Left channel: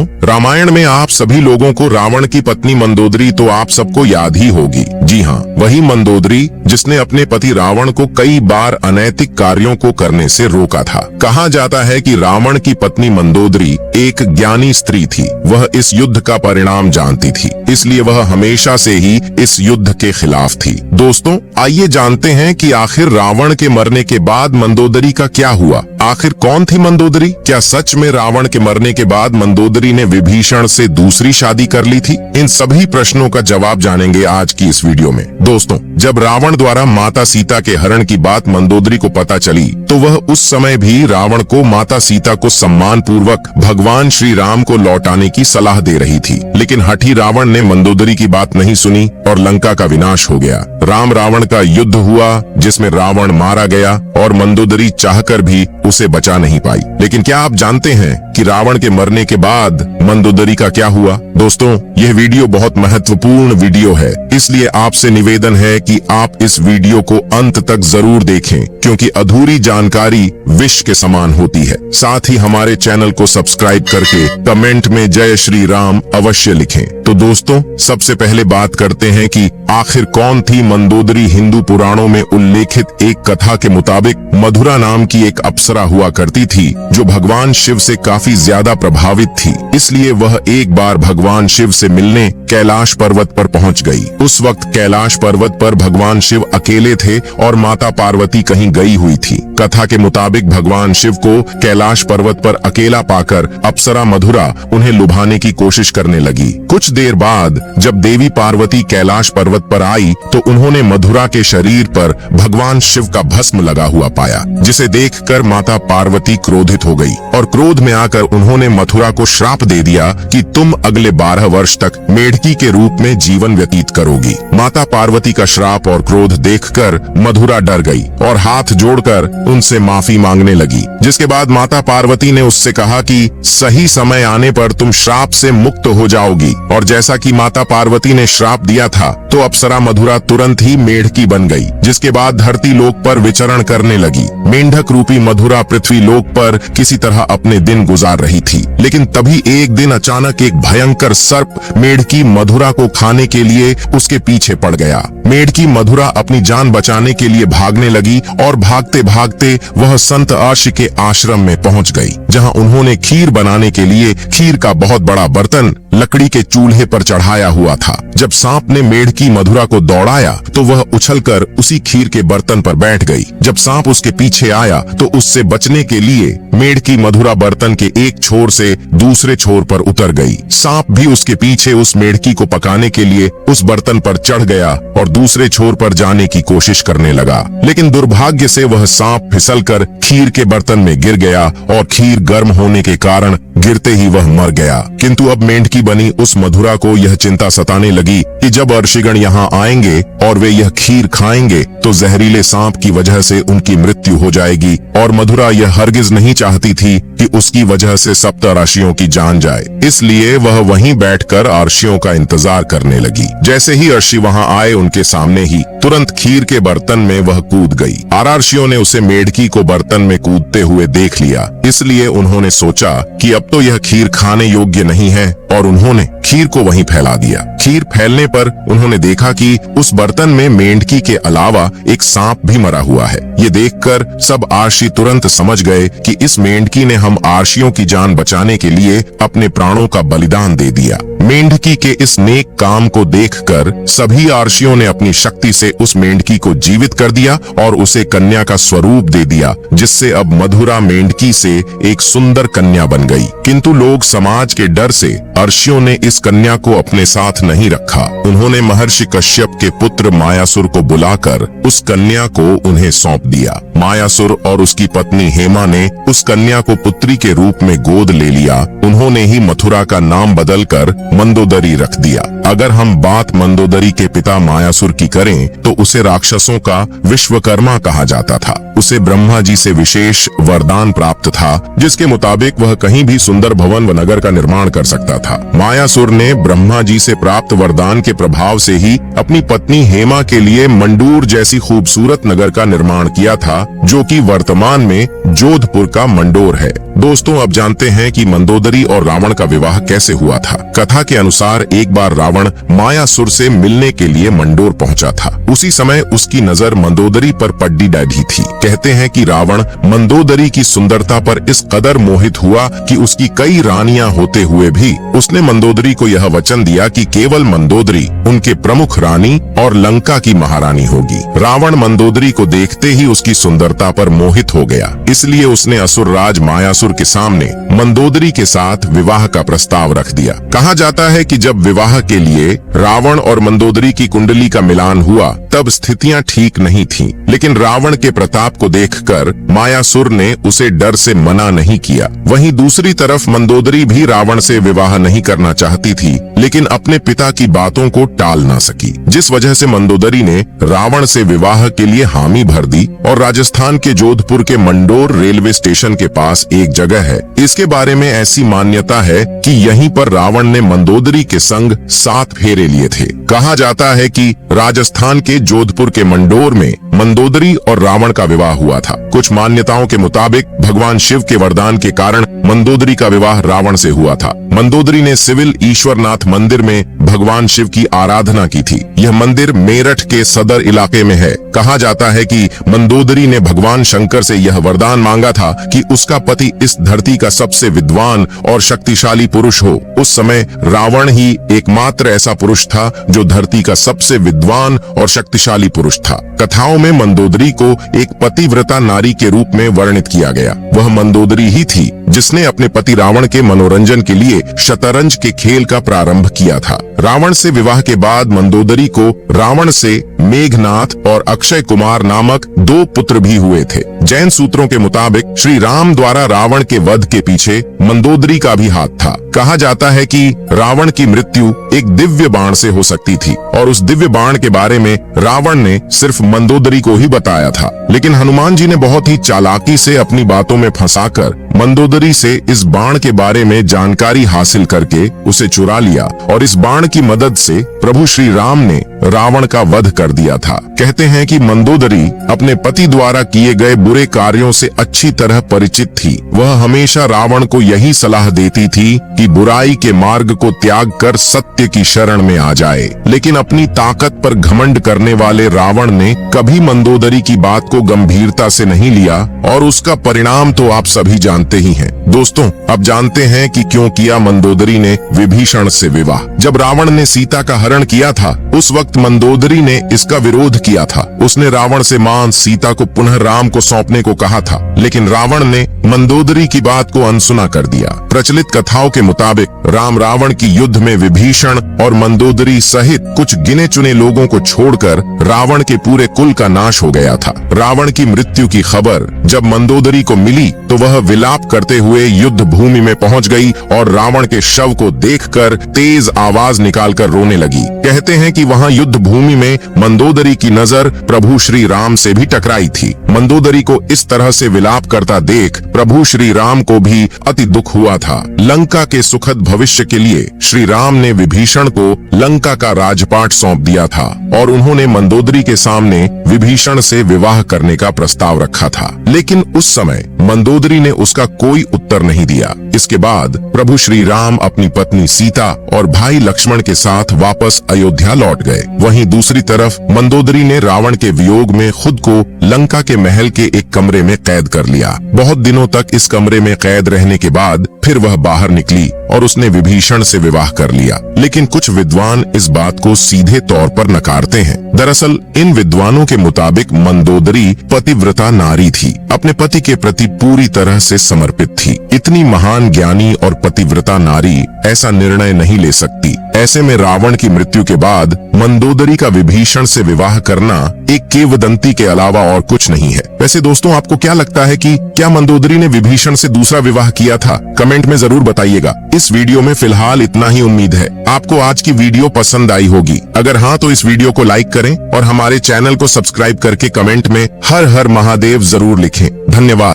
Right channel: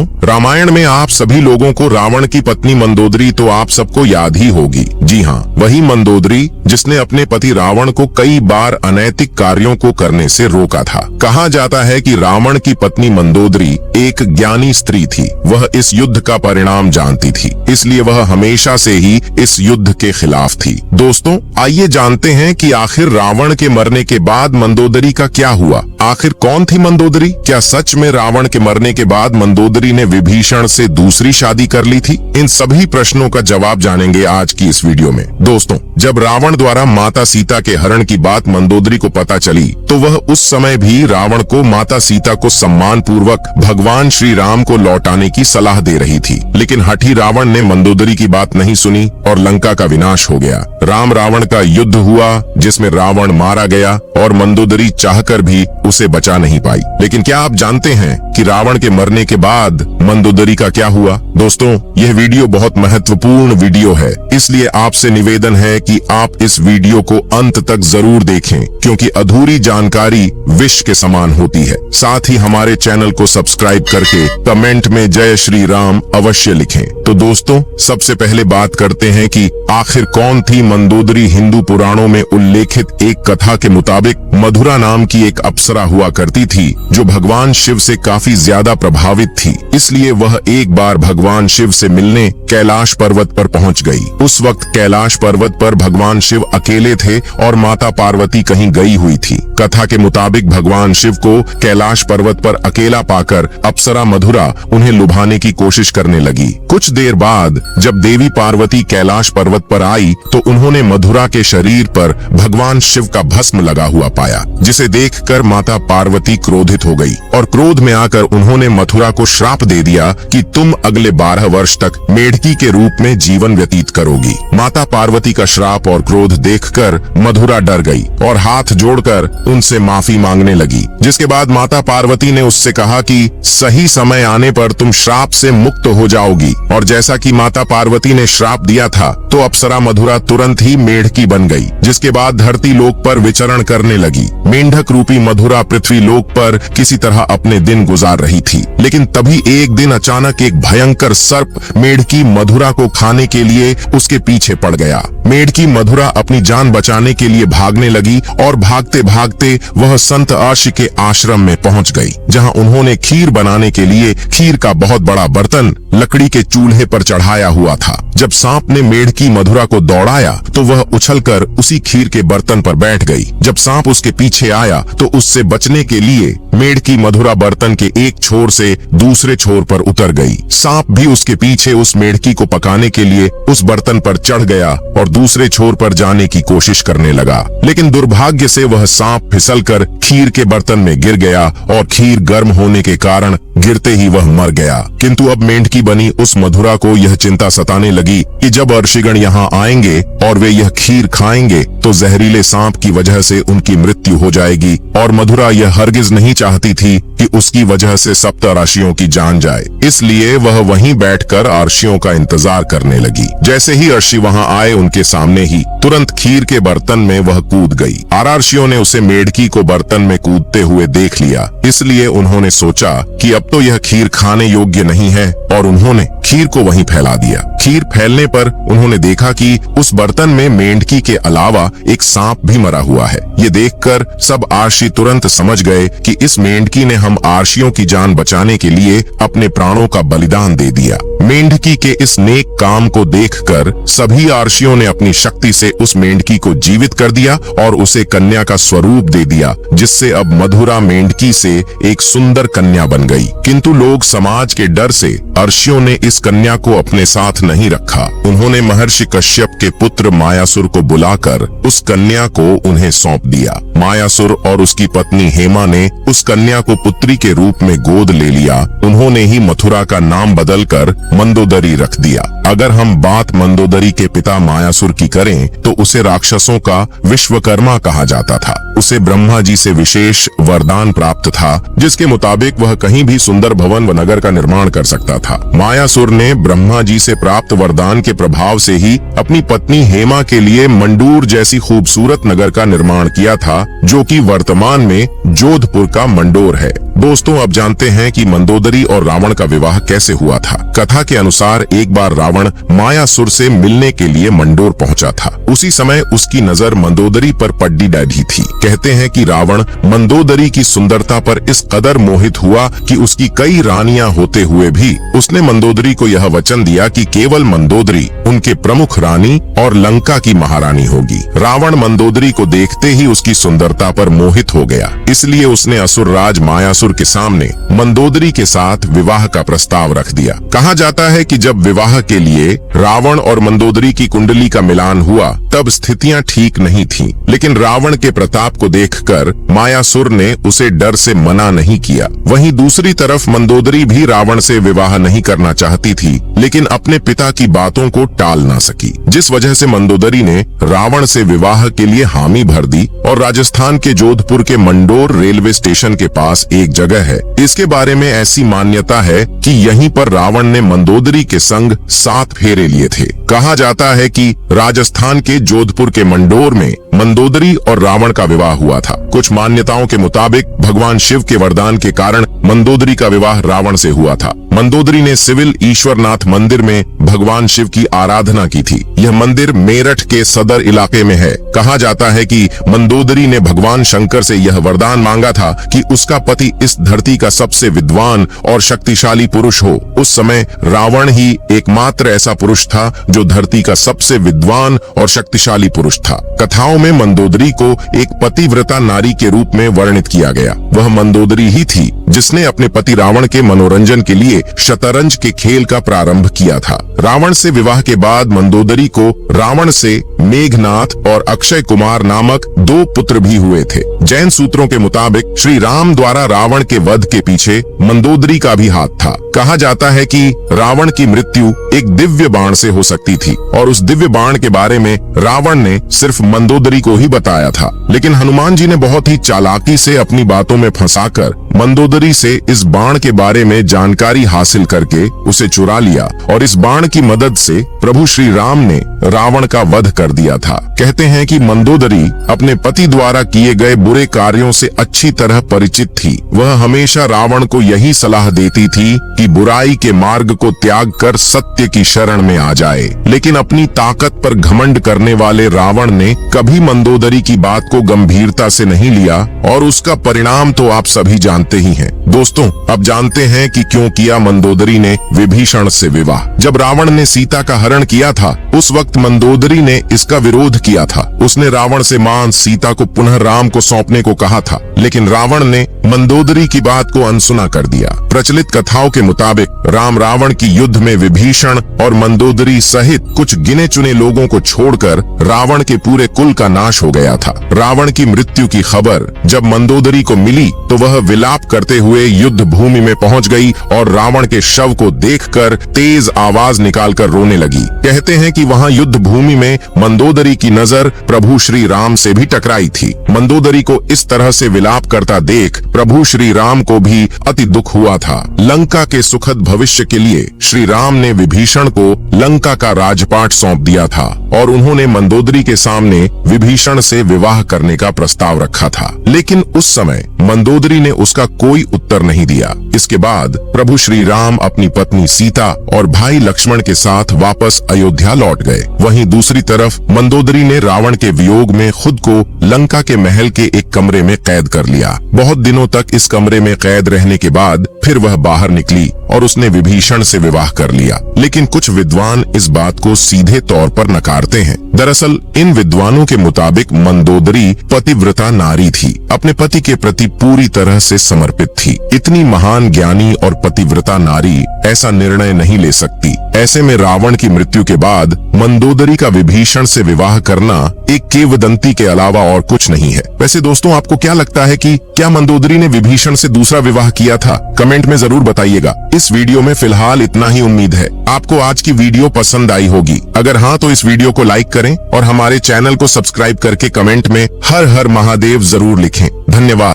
दोस्तों, रामायण में आप सभी लोगों को रावण की पत्नी मंदोदरी तो आप सबको याद ही होगी। जी हाँ, वही मंदोदरी जिसने अपने पति रावण को कई बार अनैतिक कार्यों को करने से रोका था। कहा जाता है कि रावण की पत्नी मंदोदरी एक ज्ञानी स्त्री थी। वह इस युद्ध का परिणाम जानती थी, इसलिए वह हमेशा से ही इस युद्ध के खिलाफ थी। दोस्तों, आइए जानते हैं कि आखिर रावण के मरने के बाद मंदोदरी का क्या हुआ। आखिर कौन थी मंदोदरी? क्या सच में रावण के मरने के बाद मंदोदरी ने विभीषण से दूसरी शादी कर ली थी? इन सभी प्रश्नों का जवाब जानेंगे आज की इस वीडियो में। दोस्तों, जब रावण द्वारा माता सीता के हरण की बात मंदोदरी को पता चली तो वह उस समय भी रावण को माता सीता को सम्मान पूर्वक भगवान श्री राम को लौटाने की सलाह दे रही थी। लेकिन हठी रावण ने मंदोदरी की बात नहीं सुनी और लंका का विनाश हो गया। राम रावण का युद्ध हुआ जिसमें रावण मारा गया और मंदोदरी चाहकर भी उसे बचा नहीं पाई। लेकिन क्या आप जानते हैं कि रावण के मरने के बाद मंदोदरी का क्या हुआ? दोस्तों, यह वीडियो बहुत महत्वपूर्ण वीडियो है, इसलिए आपसे निवेदन है कि आप इस वीडियो को अंत तक जरूर देखें, क्योंकि अधूरी जानकारी विष के समान होती है। साथ ही हमारे चैनल को सब्सक्राइब करके कमेंट में जय श्री राम अवश्य लिखें। तो दोस्तों, सबसे पहले बात करते हैं कि आखिर कौन थी मंदोदरी। हिंदू पुराणों में उल्लेखित एक कथा के मुताबिक मधुरा नाम की एक अप्सरा हुआ करती थी जो भगवान शिव से काफी ज्यादा प्रभावित थी। इसलिए वह एक बार भगवान शिव से मिलने कैलाश पर्वत पर पहुंच गई। उस वक्त कैलाश पर्वत पर भगवान शिव अकेले थे और माता पार्वती कहीं गई हुई थी। कथा के मुताबिक भगवान शिव को कैलाश पर्वत पर अकेला पाकर अप्सरा मधुरा उन्हें लुभाने की कोशिश करने लगी। कुछ देर बाद जब देवी पार्वती कैलाश पर्वत पर आई तो उन्होंने मधुरा के शरीर पर भगवान शिव का भस्म लगा हुआ पाया, जिसे देखकर माता पार्वती क्रोधित हो गई और क्रोध में आकर उन्होंने मथुरा को श्राप दे दिया कि तुम अगले 12 वर्ष तक मेढकी के रूप में जीवन व्यतीत करोगी। माता पार्वती का श्राप और क्रोध देखकर मधुरा डर गई और हाथ जोड़कर उनसे माफी मांगने लगी। जिसके बाद माता पार्वती ने उससे कहा कि सही समय आने पर तुम श्राप से मुक्त हो जाओगी। और जैसा कि माता पार्वती ने श्राप दिया था तो अप्सरा मधुरा तुरंत ही मेढकी बन गई, जिसके बाद धरती लोक पर विचरण करने लगी। मेंढक रूपी मधुरा पृथ्वी लोक पर किसी तरह अपने दिन गुजार रही थी। लेकिन तभी एक दिन अचानक एक भयंकर सर्प मेढकी मधुरा को खाने के लिए उसके पीछे पड़ गया। मेढकी मधुरा अपनी जान बचाने के लिए भागने लगी और भागते भागते वह संत आर्षि के आश्रम में पहुंच गई, जहां उन्होंने खीर बनाने के लिए खीर का बहुत बड़ा बर्तन लकड़ी के चूल्हे पर चढ़ाया हुआ था। जब सांप ने मेढकी मधुरा को दौड़ाया तो वह उछलकर उसी खीर के बर्तन पर बैठ गई। जब सांप उसके पीछे आया तो उससे बचने के लिए मेढकी मधुरा बर्तन के एक छोर से दूसरे छोर पर उतर गई। सांप भी उसके पीछे उस मेढकी को पकाने के लिए उस बर्तन पर चढ़ गया और दूसरे छोर पर जाने की कोशिश करने लगा। लेकिन दुर्भाग्य से वह सांप फिसलकर खीर के बर्तन में गिर गया और खीर गर्म होने के कारण गिरते ही वह मर गया। किंतु अब मेंढकी बनी उस मधुरा को यह चिंता सताने लगी कि जब अर्षिगण यहाँ आएंगे और वे यह खीर खाएंगे तो जहरीले सांप की वजह से उनकी मृत्यु हो जाएगी। और मधुरा यह हरगिज नहीं चाहती थी कि उसकी वजह से सप्तऋषियों की जान जाए, इसलिए वह वहीं बैठकर अर्षियों का इंतजार करने लगी। जैसे ही अर्षि वहां आए उनके सामने ही तुरंत खीर के बर्तन में वह कूद गई। अर्षियों ने उसे मेढकी को बर्तन में कूदते हुए देख लिया, इसलिए उन्होंने सोचा कि अब तो यह खीर खाने योग्य नहीं है और उन्होंने खीर को वहीं फैला दिया। खीर फैलने पर उन्होंने देखा कि उस बर्तन में मेंढकी के अलावा एक सांप भी मरा हुआ है। ये देखकर सब आर्षि तुरंत समझ गए कि इस मेंढकी ने हम आर्षियों की जान बचाने के लिए अपने प्राणों का बलिदान दे दिया। मेंढकी के इस नेक काम को देखकर सभी आर्षियों ने अपनी शक्ति से उस मेंढकी को जीवित कर दिया और उसे कन्या का स्वरूप दे दिया, जिससे अब मधुरा मेंढकी से एक सुंदर कन्या बन गई। किंतु लोग समाज के डर से अर्षियों ने इस कन्या को अपने साथ नहीं रखा। उन्होंने महर्षि कश्यप के पुत्र मायासुर को बुलाकर उस कन्या को उन्हें सौंप दिया। मायासुर और उसकी पत्नी हेमा ने उस कन्या को पुत्री के रूप में गोद ले लिया। उन्होंने ही मथुरा का नाम बदलकर मंदोदरी रख दिया। अगर हम बात मंदोदरी के पिता मायासुर की करें तो उसे राक्षसों का विश्वकर्मा कहा जाता था। उसे ब्रह्मा जी से विशेष वरदान प्राप्त था, जिसके मुताबिक वह कहीं भी सुंदर भवन व नगर का निर्माण कर सकता था। मायासुर ने ब्रह्मा जी से प्राप्त वरदान के प्रभाव से ही अपनी पत्नी हेमा के लिए मंडूर जैसी खूबसूरत नगर का निर्माण किया था, जो कि वर्तमान में जोधपुर का मंडोर है। दोस्तों अब जानते हैं कि मंदोदरी और रावण का विवाह कैसे हुआ था। कथा के अनुसार एक बार रावण मायासुर से मिलने के लिए मंडोर पहुंचा था। उसी समय उसकी नजर मंदोदरी पर पड्डी बैठी थी। कहते हैं कि रावण मंदोदरी की सुंदरता पर इस कदर मोहित हुआ कि उसकी कई रानियां होते हुए भी उसने मंदोदरी को यह वचन दिया कि केवल मंदोदरी उनके प्रमुख रानी और लंका की महारानी होगी। रावण मंदोदरी को देखते ही उसकी सुंदरता पर मोहित हो गया, इसलिए उसने असुर राज मायासुर के सामने मंदोदरी के साथ विवाह का प्रस्ताव रख दिया। कहा जाता है कि जब विवाह के लिए रावण और मंदोदरी की कुंडली का मिलान हुआ तब स्थितियां ठीक नहीं थीं, लेकिन रावण के प्रताप को देखकर मायासुर ने उसे डर से मना नहीं किया। वहीं दूसरी तरफ मंदोदरी भी रावण से विवाह नहीं करना चाहती थी, लेकिन अपने पिता की बातों को टाल ना सकी, जिस वजह से मंदोदरी ने रावण से विवाह के लिए हामी भर दी और राजस्थान के जोधपुर के मंडोर रेलवे स्टेशन के पास एक जगह है, इसके बारे में ऐसी मान्यता है कि यहीं पर रावण ने मंदोदरी के संग 7 फेरे लिए थे। कहा जाता है कि राजस्थान के जोधपुर के मंडोर में मंदोदरी और रावण का विवाह हुआ था। कुछ मान्यताओं के मुताबिक भगवान शिव के वरदान के कारण मंदोदरी का विवाह रावण से हुआ था। मंदोदरी ने सिविल ईश्वरनाथ मंदिर में भगवान शिव की आराधना की थी। यह मंदिर मेरठ के सदर इलाके में है। कहा जाता है कि मंदोदरी ने भगवान शंकर से यह वरदान मांगा था कि उसका पति इस धरती का सबसे विद्वान और शक्तिशाली पुरुष हो। उस समय रावण ही एकमात्र ऐसा पुरुष था जो धरती का सबसे विद्वान और शक्तिशाली पुरुष था। कथाओं में मंदोदरी को एक पतिव्रता नारी के रूप में वर्णित किया गया। वह मंदोदरी ही थी जिसने अपने पति रावण के मनोरंजन के लिए शतरंज के खेल का प्रारंभ किया था। रावण से विवाह के बाद मंदोदरी को रावण से मेघनाथ और अक्षय कुमार नामक 2 पुत्र भी हुए थे। जैन सूत्रों के मुताबिक श्री राम द्वारा रावण के वध के पीछे मंदोदरी का भी हाथ था। कहा जाता है कि रावण की मृत्यु एक दिव्य बाण से हो सकती थी और उस दिव्य बाण के बारे में रावण ने सिर्फ मंदोदरी को ही बताया था, लेकिन हनुमान जी ने बहुत ही चालाकी से अपनी बातों में फंसाकर मंदोदरी से इस बाण के बारे में जानकारी हासिल करके उसे चुरा लिया और इस बाण की मदद से प्रभु श्री राम ने रावण का वध कर दिया था। कहते हैं कि मंदोदरी अपने पति द्वारा किए गए बुरे कार्यों से अच्छी तरह परिचित थी। वह हमेशा रावण को यही सलाह देती थी कि बुराई के मार्ग को त्याग कर सत्य की शरण में आ जाए, लेकिन अपनी ताकत पर घमंड करने वाले रावण ने कभी मंदोदरी की बात को गंभीरता से नहीं लिया और उसका परिणाम तो आप सभी जानते ही हैं। दोस्तों अब जानते हैं कि क्यों किया मंदोदरी ने विभीषण से विवाह। जब रावण ने सीता का हरण किया था उस वक्त मंदोदरी ने इसका विरोध किया था। उसने रावण से मां सीता को पुनः राम को सौंपने को कहा था, लेकिन रावण ने मंदोदरी की बात को अनसुना कर दिया। प्रचलित कथाओं के मुताबिक राम रावण की युद्ध में विभीषण और मंदोदरी सहित कुछ गिने चुने लोगों को छोड़कर रावण के पूरे कुल का नाश हो गया था। रावण की मृत्यु की खबर जब मंदोदरी को मिली तो वह विलाप करते हुए युद्ध भूमि में पहुंच गई और रावण के शव को देखकर तेज आवाज निकालकर रोने लगी। कहते हैं कि वहां युद्ध भूमि में मंदोदरी की नजर प्रभु श्री राम से भी टकराई थी। मंदोदरी को इस तरह से विलाप करता देख प्रभु श्री राम को भी अति दुख हुआ था। लंका के सुखद भविष्य के लिए श्री राम ने विभीषण को लंका का राजपाट सौंप दिया था और उन्होंने मंदोदरी के सामने विभीषण से विवाह करने का प्रस्ताव रखा था, लेकिन उस समय मंदोदरी ने उसका कोई उत्तर नहीं दिया। इसके बाद प्रभु श्री राम अपनी पत्नी सीता और भाई लक्ष्मण के साथ वापस अयोध्या लौट गए। वहीं दूसरी तरफ मंदोदरी ने रावण के वियोग में खुद को लंका के महल के एक कमरे में कैद कर लिया। बहुत दिनों तक इस कमरे में कैद रहने के बाद फिर वह बाहर निकली और उसने विभीषण से विवाह कर लिया, लेकिन कुछ विद्वान इस बात को सीधे तौर पर नकारते हैं। दरअसल इन विद्वानों के मुताबिक मंदोदरी पतिव्रता नारी थी, अपने पति के प्रति पूरी तरह से समर्पित थी। इतनी महान ज्ञानी और पतिव्रता नारी ऐसा निर्णय नहीं ले सकती। ऐसे में रावण की मृत्यु के बाद मंदोदरी का विभीषण से विवाह करना एक किंवदंती के अलावा और कुछ नहीं है। वैसे दोस्तों आपको क्या लगता है कि क्या मंदोदरी ने विभीषण से दूसरा विवाह किया था? कमेंट में जरूर बताइएगा। इस वीडियो में फिलहाल इतना ही उम्मीद है आपको आज की वीडियो पसंद आई होगी। अगर हाँ तो इस वीडियो को लाइक करें और हमारे चैनल को सब्सक्राइब करके कमेंट में हर हर महादेव जरूर लिखें। धन्यवाद।